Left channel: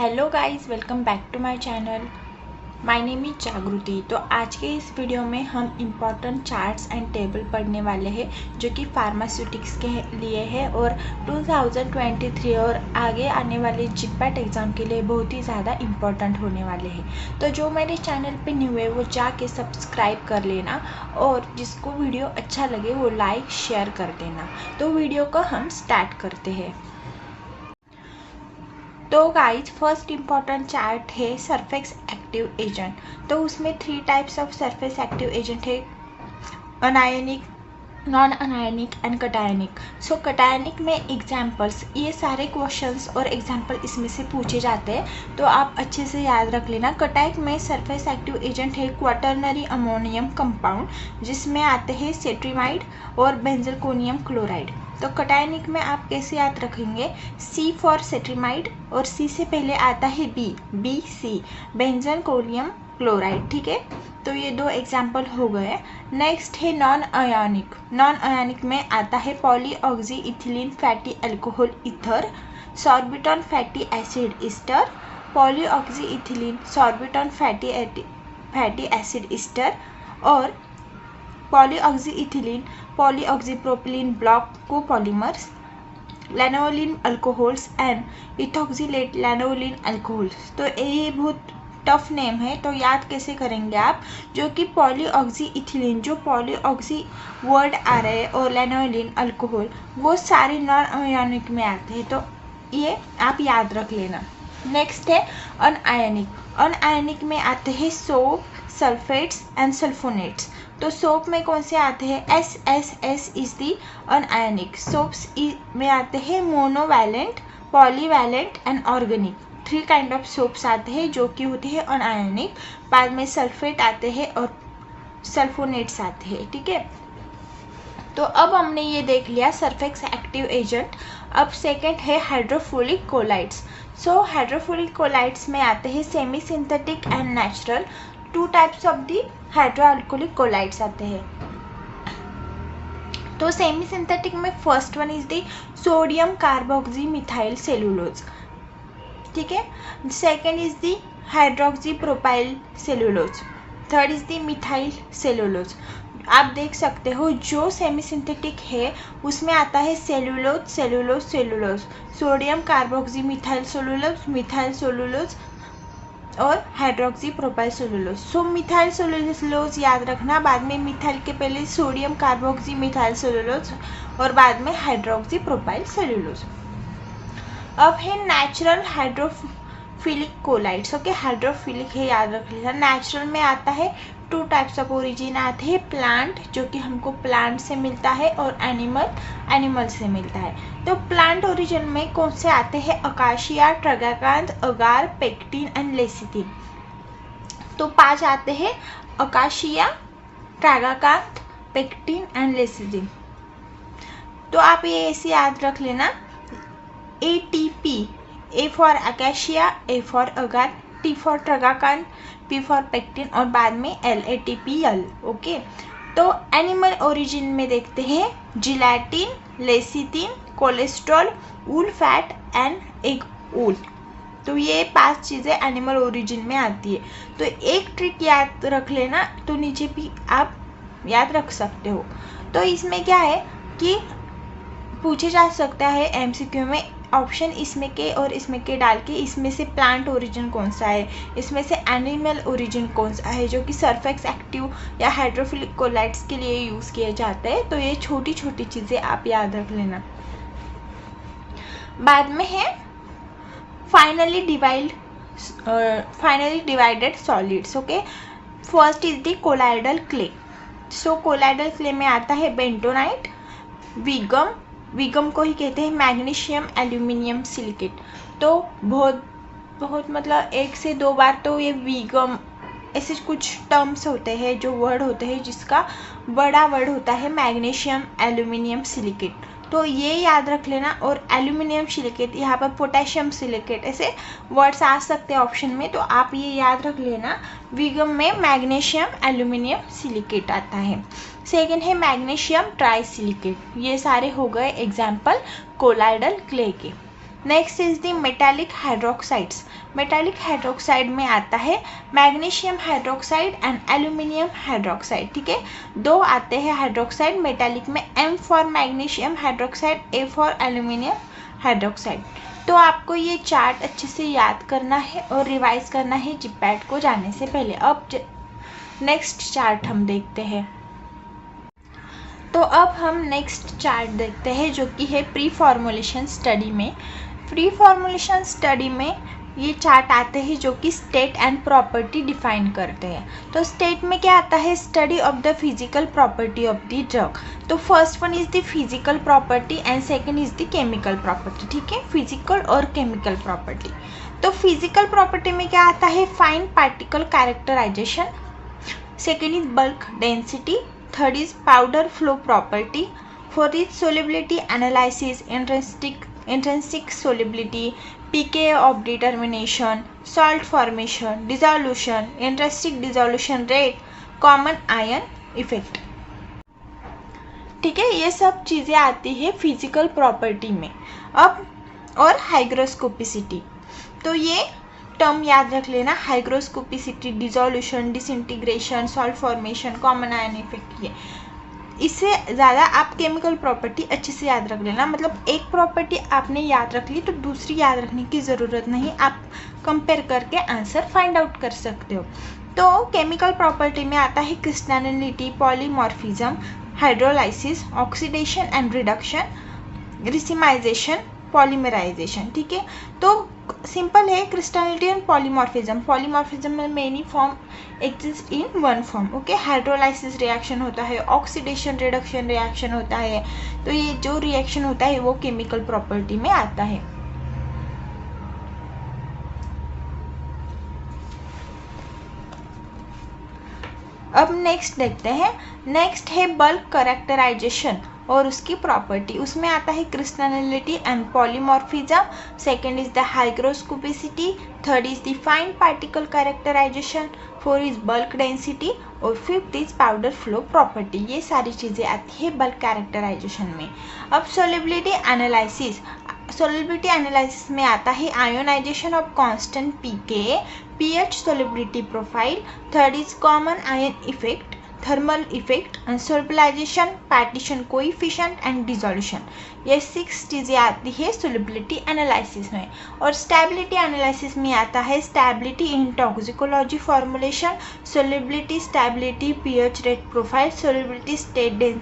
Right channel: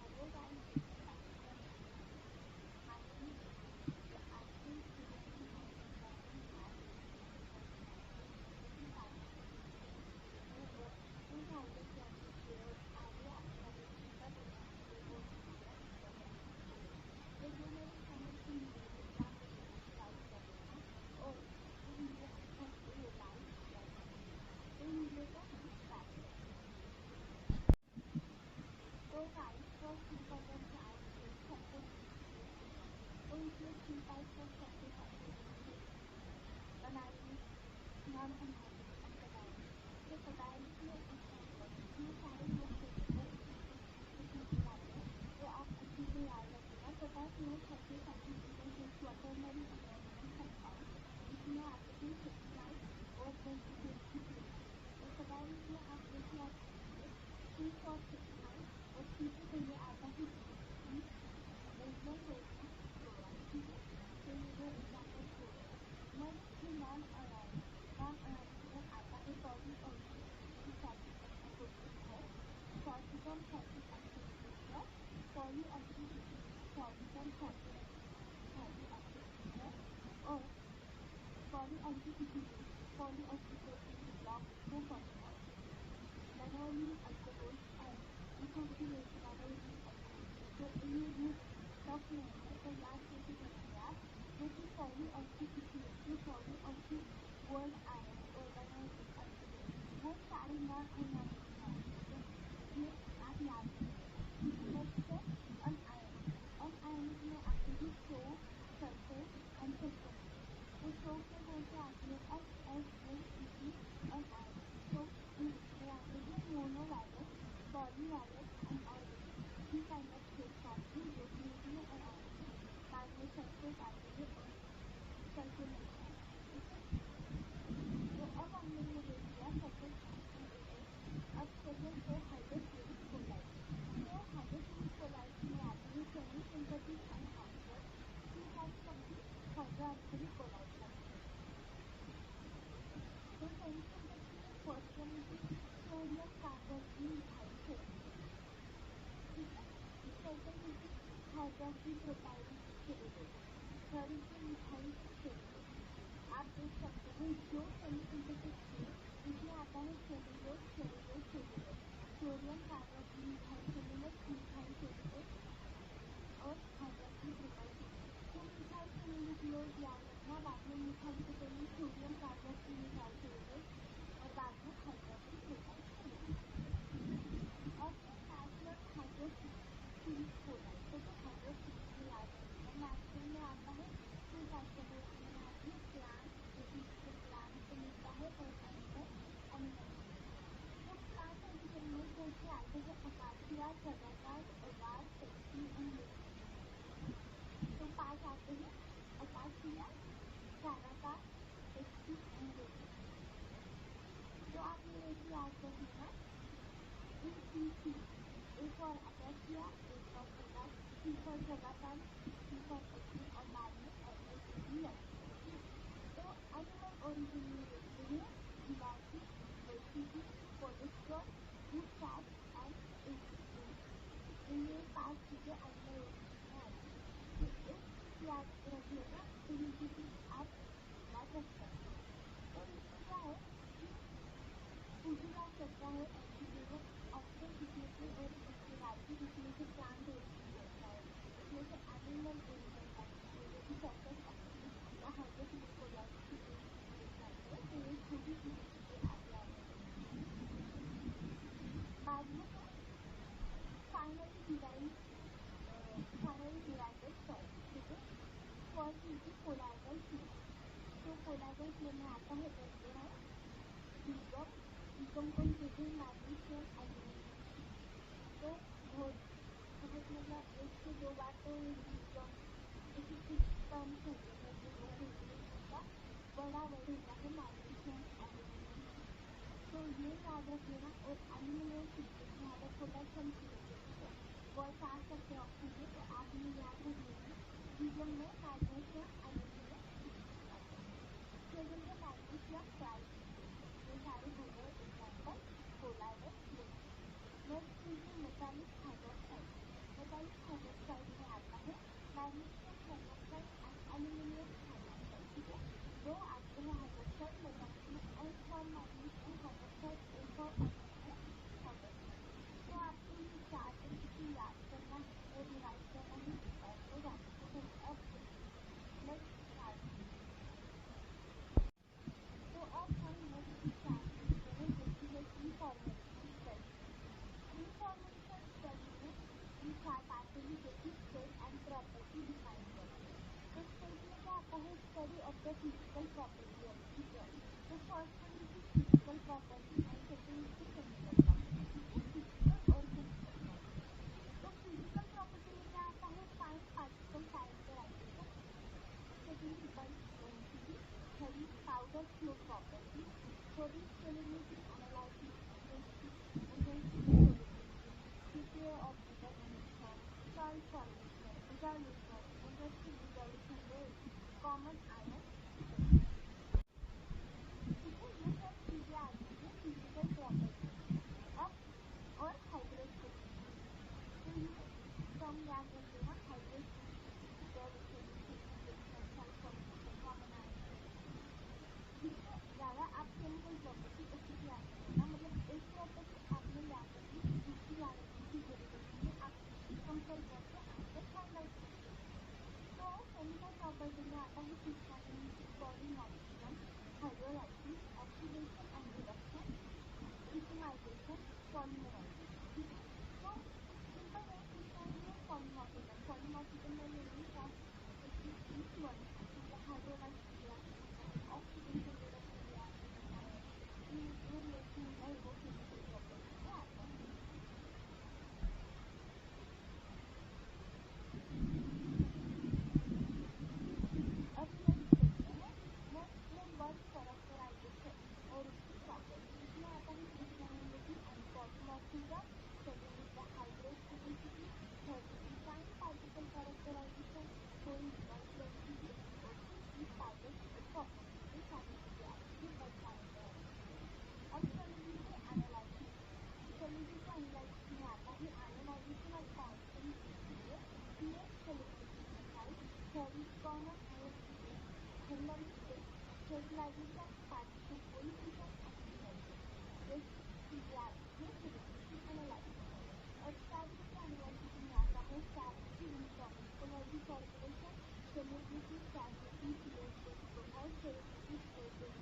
Hello guys, welcome back to my channel. My name is Jagriti. तो आज के इस वीडियो में हम इम्पॉर्टेंट चार्ट्स एंड टेबल पढ़ने वाले हैं जो कि फार्मास्यूटिक्स के लिए है और 2023 और आगे आने वाले जिपैट एग्ज़ाम के लिए बहुत ही ज़्यादा इम्पॉर्टेंट होने वाले हैं। तो जो मेरे चैनल पे न्यू है वो जाके सब्सक्राइब कर लेना और जिसको वीडियो अच्छा लगे वो लाइक शेयर कर देना। तो वीडियो को हम स्टार्ट करते हैं। तो गाइज फर्स्ट इम्पॉर्टेंट चार्ट है सरफेस एक्टिव एजेंट। तो उसमें 3 types of surface active agent है, anionic, non anionic and cationic. So cationic में एग्जाम्पल्स, ये सारे क्वेश्चंस और एग्जाम्पल इसमें से पूछे जाते हैं तो आप अच्छे से याद रख लेना। कटायनिक में सरफेस एक्टिव एजेंट है क्वाटरनरी अमोनियम कंपाउंड जिसमें आते हैं सेट्रीमाइड और बेंजलकोनियम क्लोराइड। तो कटायनिक में आप कैसे याद रखेंगे, सी फॉर सेट्रीमाइड और सी से पहले आता है बी सी बेंजलकोनियम क्लोराइड। ठीक है, तो ये 2 एग्जाम्पल हो गए। नेक्स्ट है नॉन अयानिक। नॉन अयानिक में आता है polyoxy ethylene fatty alcohol ether, sorbitan fatty acid ester, polyoxy ethylene sorbitan fatty acid ester और polyoxy ethylene polyoxy propylene block copolymers, lanolin alcohols and ethoxylate lanolin alcohols. तो ये बहुत टफ नेम है, तो याद कैसे करेंगे आप, जो कि पॉलीऑक्सी इथिलीन, जो पॉलीऑक्सी वर्ड आ रहे हैं और लैनोलिन अल्कोहल वो सारे नॉन अयानिक में आते हैं, तो ये आप याद रख लेना। नेक्स्ट है अनआयनिक। अनआयनिक में आते हैं सोप, सल्फेट्स एंड सल्फोनेट्स। तो सोप में कौन से आते हैं, एस इज दी अनआयनिक। सोप्स में आते हैं monovalent, polyvalent and organic. 3 kind of soaps आते हैं जो कि होते हैं अनआयनिक। बाद में सल्फेट आते हैं और सल्फोनेट्स आते हैं। ठीक है, तो अब हमने ये देख लिया सरफेस एक्टिव एजेंट। अब सेकंड है hydrophilic colloids. So hydrophilic colloids में आते हैं semi synthetic and natural. 2 types of the hydroalcoholic colloids आते हैं। तो सेमी सिंथेटिक में first one is the sodium carboxy methyl cellulose. ठीक है, second is the hydroxy propyl cellulose, third is the methyl cellulose. आप देख सकते हो जो सेमी सिंथेटिक है उसमें आता है cellulose cellulose cellulose, sodium carboxy methyl cellulose और हाइड्रोक्सी प्रोपाइल सेलुलोज। सो मिथाइल सेलुलोज याद रखना, बाद में मिथाइल के पहले सोडियम कार्बोक्सी मिथाइल सेलुलोज और बाद में हाइड्रोक्सी प्रोपाइल सेलुलोज। अब है natural hydrophilic colloids. Okay, hydrophilic है, याद रख लीजिए। नेचुरल में आता है 2 टाइप्स ऑफ ओरिजिन आते हैं, प्लांट जो कि हमको प्लांट से मिलता है और एनिमल से मिलता है। तो प्लांट ओरिजिन में कौन से आते हैं, acacia, tragacanth, agar, pectin and lecithin. तो 5 आते हैं, acacia, tragacanth, pectin and lecithin. तो आप ये ऐसे याद रख लेना, ATP, A for acacia, A for agar, T for tragacanth, P for pectin और बाद में ATPL। ओके, तो एनिमल ओरिजिन में देखते हैं gelatin, lecithin, cholesterol, wool fat and egg wool. तो ये 5 चीज़ें एनिमल ओरिजिन में आती है। तो एक ट्रिक याद रख लेना, तो नीचे भी आप याद रख सकते हो। तो इसमें क्या है कि पूछे जा सकता है MCQ में ऑप्शन इसमें के और इसमें के डाल के, इसमें से प्लांट ओरिजिन कौन सा है, इसमें से एनिमल ओरिजिन कौन सा है जो कि सरफेस एक्टिव या हाइड्रोफिलिक कोलाइड्स के लिए यूज़ किए जाते हैं। तो ये छोटी छोटी चीज़ें आप याद रख लेना। बाद में है finally divided solids. Okay, first is the colloidal clay. So colloidal clay में आता है बेंटोनाइट, विगम को ही कहते हैं मैग्नीशियम एल्यूमिनियम सिलिकेट। तो बहुत मतलब 1 से 2 बार तो ये विगम, ऐसे कुछ टर्म्स होते हैं जो वर्ड होते हैं जिसका बड़ा वर्ड होता है मैग्नीशियम एल्यूमिनियम सिलिकेट। तो ये याद रख लेना। और एल्यूमिनियम सिलिकेट, यहाँ पर पोटेशियम सिलिकेट, ऐसे वर्ड्स आ सकते हैं ऑप्शन में, तो आप ये याद रख लेना। विगम में मैग्नीशियम एल्यूमिनियम सिलिकेट आता है। सेकेंड है मैग्नीशियम ट्राई सिलिकेट। ये सारे हो गए एग्जाम्पल कोलाइडल क्ले के। Next is the metallic hydroxides. Metallic hydroxide में आता है magnesium hydroxide and aluminium hydroxide. ठीक है, दो आते हैं हाइड्रोक्साइड मेटालिक में, M for magnesium hydroxide, A for aluminium hydroxide. तो आपको ये चार्ट अच्छे से याद करना है और रिवाइज करना है जिपैट को जाने से पहले। अब नेक्स्ट चार्ट हम देखते हैं। तो अब हम नेक्स्ट चार्ट देखते हैं जो कि है प्री फॉर्मुलेशन स्टडी में। प्री फॉर्मुलेशन स्टडी में ये चार्ट आते हैं जो कि स्टेट एंड प्रॉपर्टी डिफाइन करते हैं। तो स्टेट में क्या आता है, study of the physical property of the drug. तो first one is the physical property and second is the chemical property. ठीक है, फिजिकल और केमिकल प्रॉपर्टी। तो फिजिकल प्रॉपर्टी में क्या आता है, fine particle characterization, second is bulk density, third is powder flow property, fourth is solubility analysis, intrinsic solubility, pKa of determination, salt formation, dissolution, intrinsic dissolution rate, common ion effect। ठीक है, ये सब चीज़ें आती है फिजिकल प्रॉपर्टी में। अब और हाइग्रोस्कोपिसिटी, तो ये टर्म याद रख लेना, hygroscopicity, dissolution, disintegration, salt formation, common ion effect. ये इससे ज़्यादा आप केमिकल प्रॉपर्टी अच्छे से याद रख लेना। मतलब एक प्रॉपर्टी आपने याद रख ली तो दूसरी याद रखने की ज़रूरत नहीं, आप कंपेयर करके आंसर फाइंड आउट कर सकते हो। तो केमिकल प्रॉपर्टी में आता है crystallinity, polymorphism, hydrolysis, oxidation and reduction, racemization, polymerization. ठीक है, तो सिंपल है क्रिस्टलिटी एंड पॉलीमॉर्फिज्म। पॉलीमॉर्फिज्म में many form exist in one form. Okay, hydrolysis reaction होता है, ऑक्सीडेशन रिडक्शन रिएक्शन होता है। तो ये जो रिएक्शन होता है वो केमिकल प्रॉपर्टी में आता है। अब नेक्स्ट देखते हैं। नेक्स्ट है बल्क कैरेक्टराइजेशन और उसकी प्रॉपर्टी। उसमें आता है crystallinity and polymorphism, second is the hygroscopicity, third is the fine particle characterization, four is bulk density और fifth is powder flow property. ये सारी चीज़ें आती है बल्क कैरेक्टराइजेशन में। अब सोलिबिलिटी एनालिसिस, सोलिबिलिटी एनालिसिस में आता है ionization of constant pKa, pH solubility profile, third is common ion effect, thermal effect and solubilization, partition coefficient and dissolution। ये 6 चीज़ें आती है solubility analysis में। और stability analysis में आता है stability in toxicology formulation, solubility, stability, pH rate profile, solubility, state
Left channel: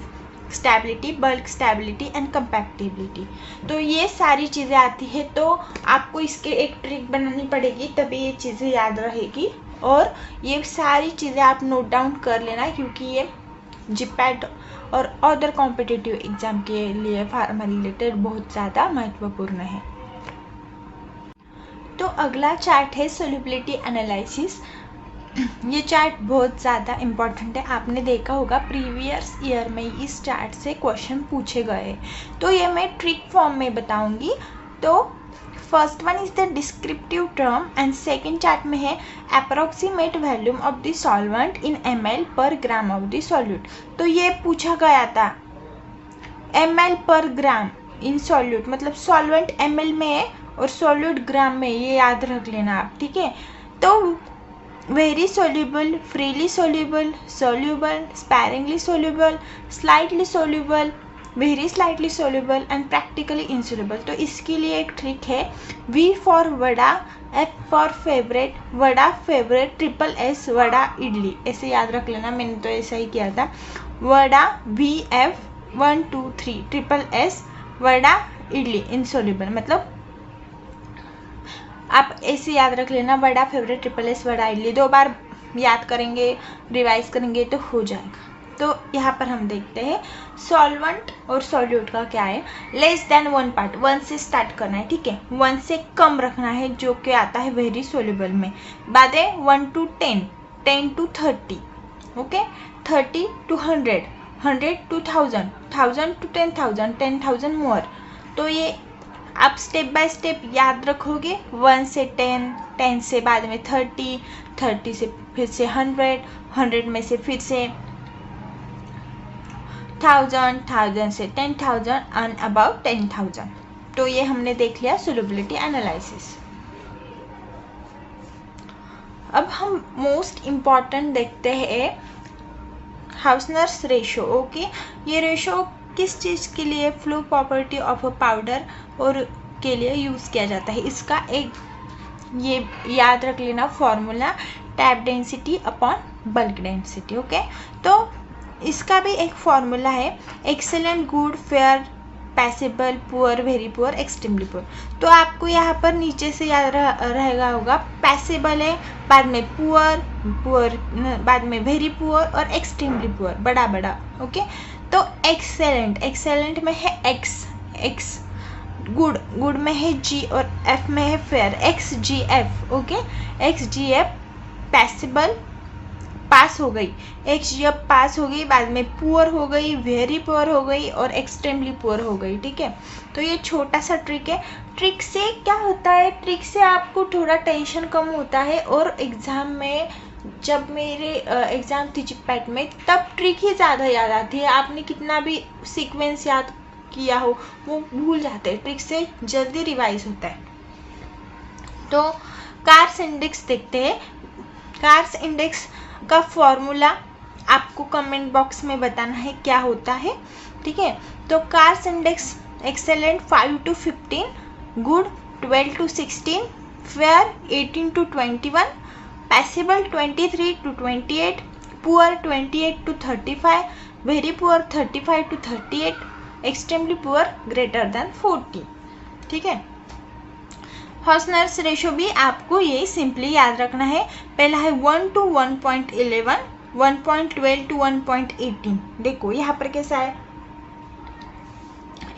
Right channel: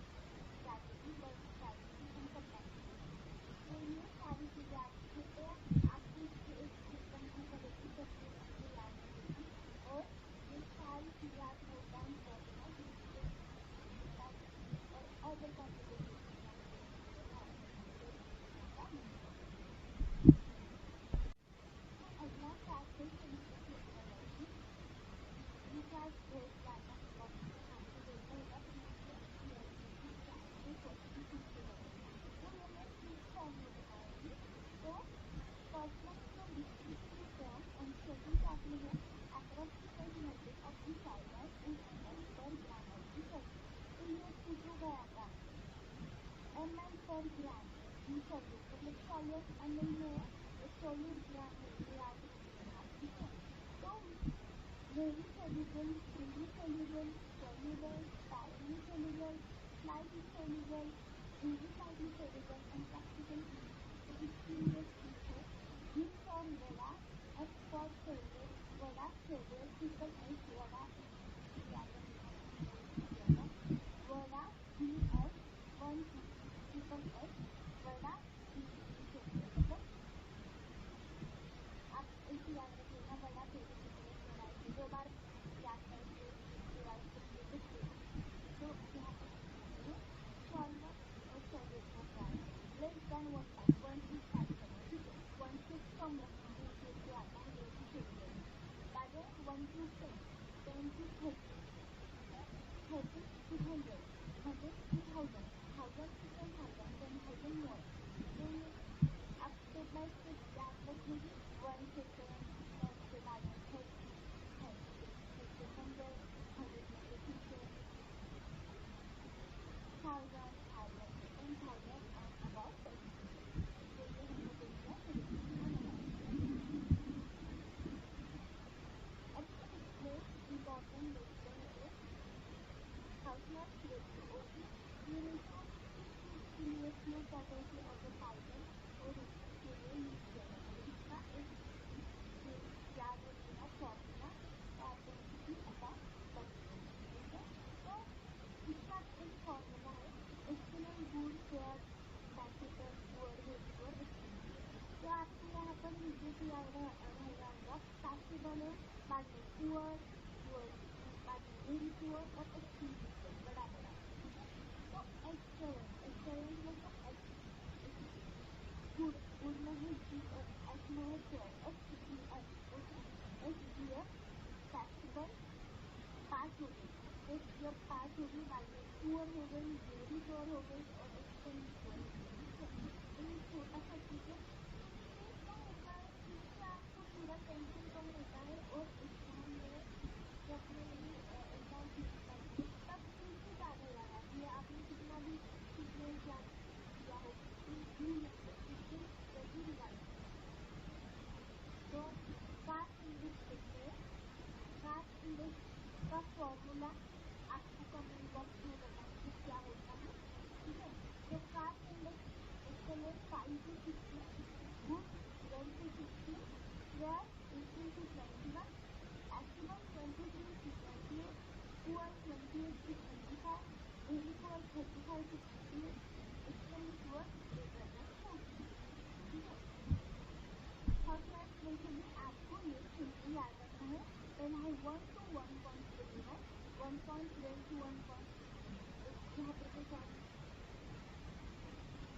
stability, bulk stability and compactibility. तो ये सारी चीज़ें आती है। तो आपको इसके एक ट्रिक बनानी पड़ेगी तभी ये चीज़ें याद रहेगी। और ये सारी चीज़ें आप नोट डाउन कर लेना क्योंकि ये जिपैट और अदर कॉम्पिटिटिव एग्जाम के लिए फार्मा रिलेटेड बहुत ज़्यादा महत्वपूर्ण है। तो अगला चार्ट है सोल्युबिलिटी एनालिसिस। ये चार्ट बहुत ज़्यादा इम्पॉर्टेंट है, आपने देखा होगा प्रीवियस ईयर में इस चार्ट से क्वेश्चन पूछे गए। तो ये मैं ट्रिक फॉर्म में बताऊंगी। तो first one is the descriptive term and second chart में है approximate volume of the solvent in ml पर ग्राम ऑफ द सॉल्यूट। तो ये पूछा गया था ml पर ग्राम इन सॉल्यूट, मतलब सॉल्वेंट ml में है और सॉल्यूट ग्राम में, ये याद रख लेना आप। ठीक है, तो very soluble, freely soluble, soluble, sparingly soluble, slightly soluble, very slightly soluble and practically insoluble। तो इसके लिए एक ट्रिक है, V for vada, F for favorite, vada favourite, triple S vada idli, ऐसे याद रख लेना। मैंने तो ऐसा ही किया था, vada VF 1 2 3, triple S vada idli insoluble. मतलब आप ऐसे याद रख लेना, vada favourite, triple S vada idli. 2 बार याद करेंगे, रिवाइज करेंगे तो हो जाएगा। तो यहाँ पर हम देखते हैं सॉल्वेंट और सॉल्यूट का क्या है। लेस देन 1 पार्ट, 1 से स्टार्ट करना है। ठीक है, 1 से कम रखना है जो कि आता है वेरी सोल्यूबल में। बाद है 1 to 10, 10 to 30, okay, 30 to 100, 100 to 1000, 1000 to 10,000, 10,000 मोर। तो ये आप स्टेप बाय स्टेप याद रखोगे। 1 से 10, 10 से बाद में 30, 30 से फिर से 100, 100 में से फिर से 1000, 1000 से 10,000 एंड अबाउट 10,000। तो ये हमने देख लिया सोल्युबिलिटी एनालिसिस। अब हम मोस्ट इम्पॉर्टेंट देखते हैं हाउसनर्स रेशो। ओके, ये रेशो किस चीज़ के लिए, flow property of a powder और के लिए यूज़ किया जाता है। इसका एक ये याद रख लेना formula, tap density upon bulk density. Okay, तो इसका भी एक फॉर्मूला है, excellent, good, fair, passable, poor, very poor, extremely poor. तो आपको यहाँ पर नीचे से याद रहेगा होगा, पैसेबल है, बाद में पुअर, पुअर बाद में वेरी पुअर और एक्सट्रीमली पुअर बड़ा बड़ा। ओके, तो एक्सेलेंट, एक्सेलेंट में है एक्स, गुड, गुड में है जी और एफ में है फेयर, एक्स जी एफ। ओके, एक्स जी एफ पैसेबल पास हो गई, एक्स जी एफ पास हो गई, बाद में पुअर हो गई, वेरी पुअर हो गई और एक्सट्रीमली पुअर हो गई। ठीक है, तो ये छोटा सा ट्रिक है। ट्रिक से क्या होता है, ट्रिक से आपको थोड़ा टेंशन कम होता है और एग्ज़ाम में, जब मेरे एग्ज़ाम थी जिपैट में, तब ट्रिक ही ज़्यादा याद आती है। आपने कितना भी सीक्वेंस याद किया हो वो भूल जाते हैं, ट्रिक से जल्दी रिवाइज होता है। तो कार्स इंडेक्स देखते हैं। कार्स इंडेक्स का फॉर्मूला आपको कमेंट बॉक्स में बताना है क्या होता है। ठीक है, तो cars index excellent 5 to 15, good 12 to 16, fair 18 to 21, पैसेबल 23 to 28, poor 28 to 35, very poor 35 to 38, extremely poor greater than 40। ठीक है, हाउसनर्स रेशो भी आपको ये सिंपली याद रखना है। पहला है 1 to 1.11, 1.12 to 1.18। देखो यहाँ पर कैसा है,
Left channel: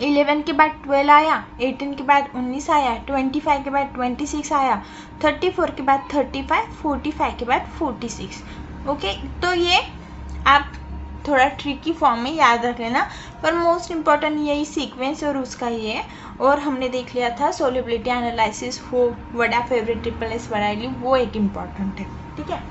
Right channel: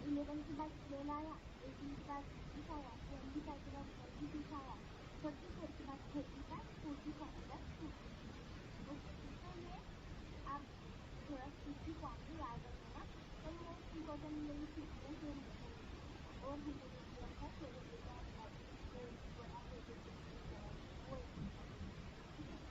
11 के बाद 12 आया, 18 के बाद 19 आया, 25 के बाद 26 आया, 34 के बाद 35, 45 के बाद 46। ओके, तो ये आप थोड़ा ट्रिकी फॉर्म में याद रख लेना, पर मोस्ट इम्पॉर्टेंट यही सीक्वेंस और उसका ये है। और हमने देख लिया था सोल्युबिलिटी एनालिसिस, वो वडा फेवरेट ट्रिपल एस वडाइली, वो एक इम्पॉर्टेंट है। ठीक है,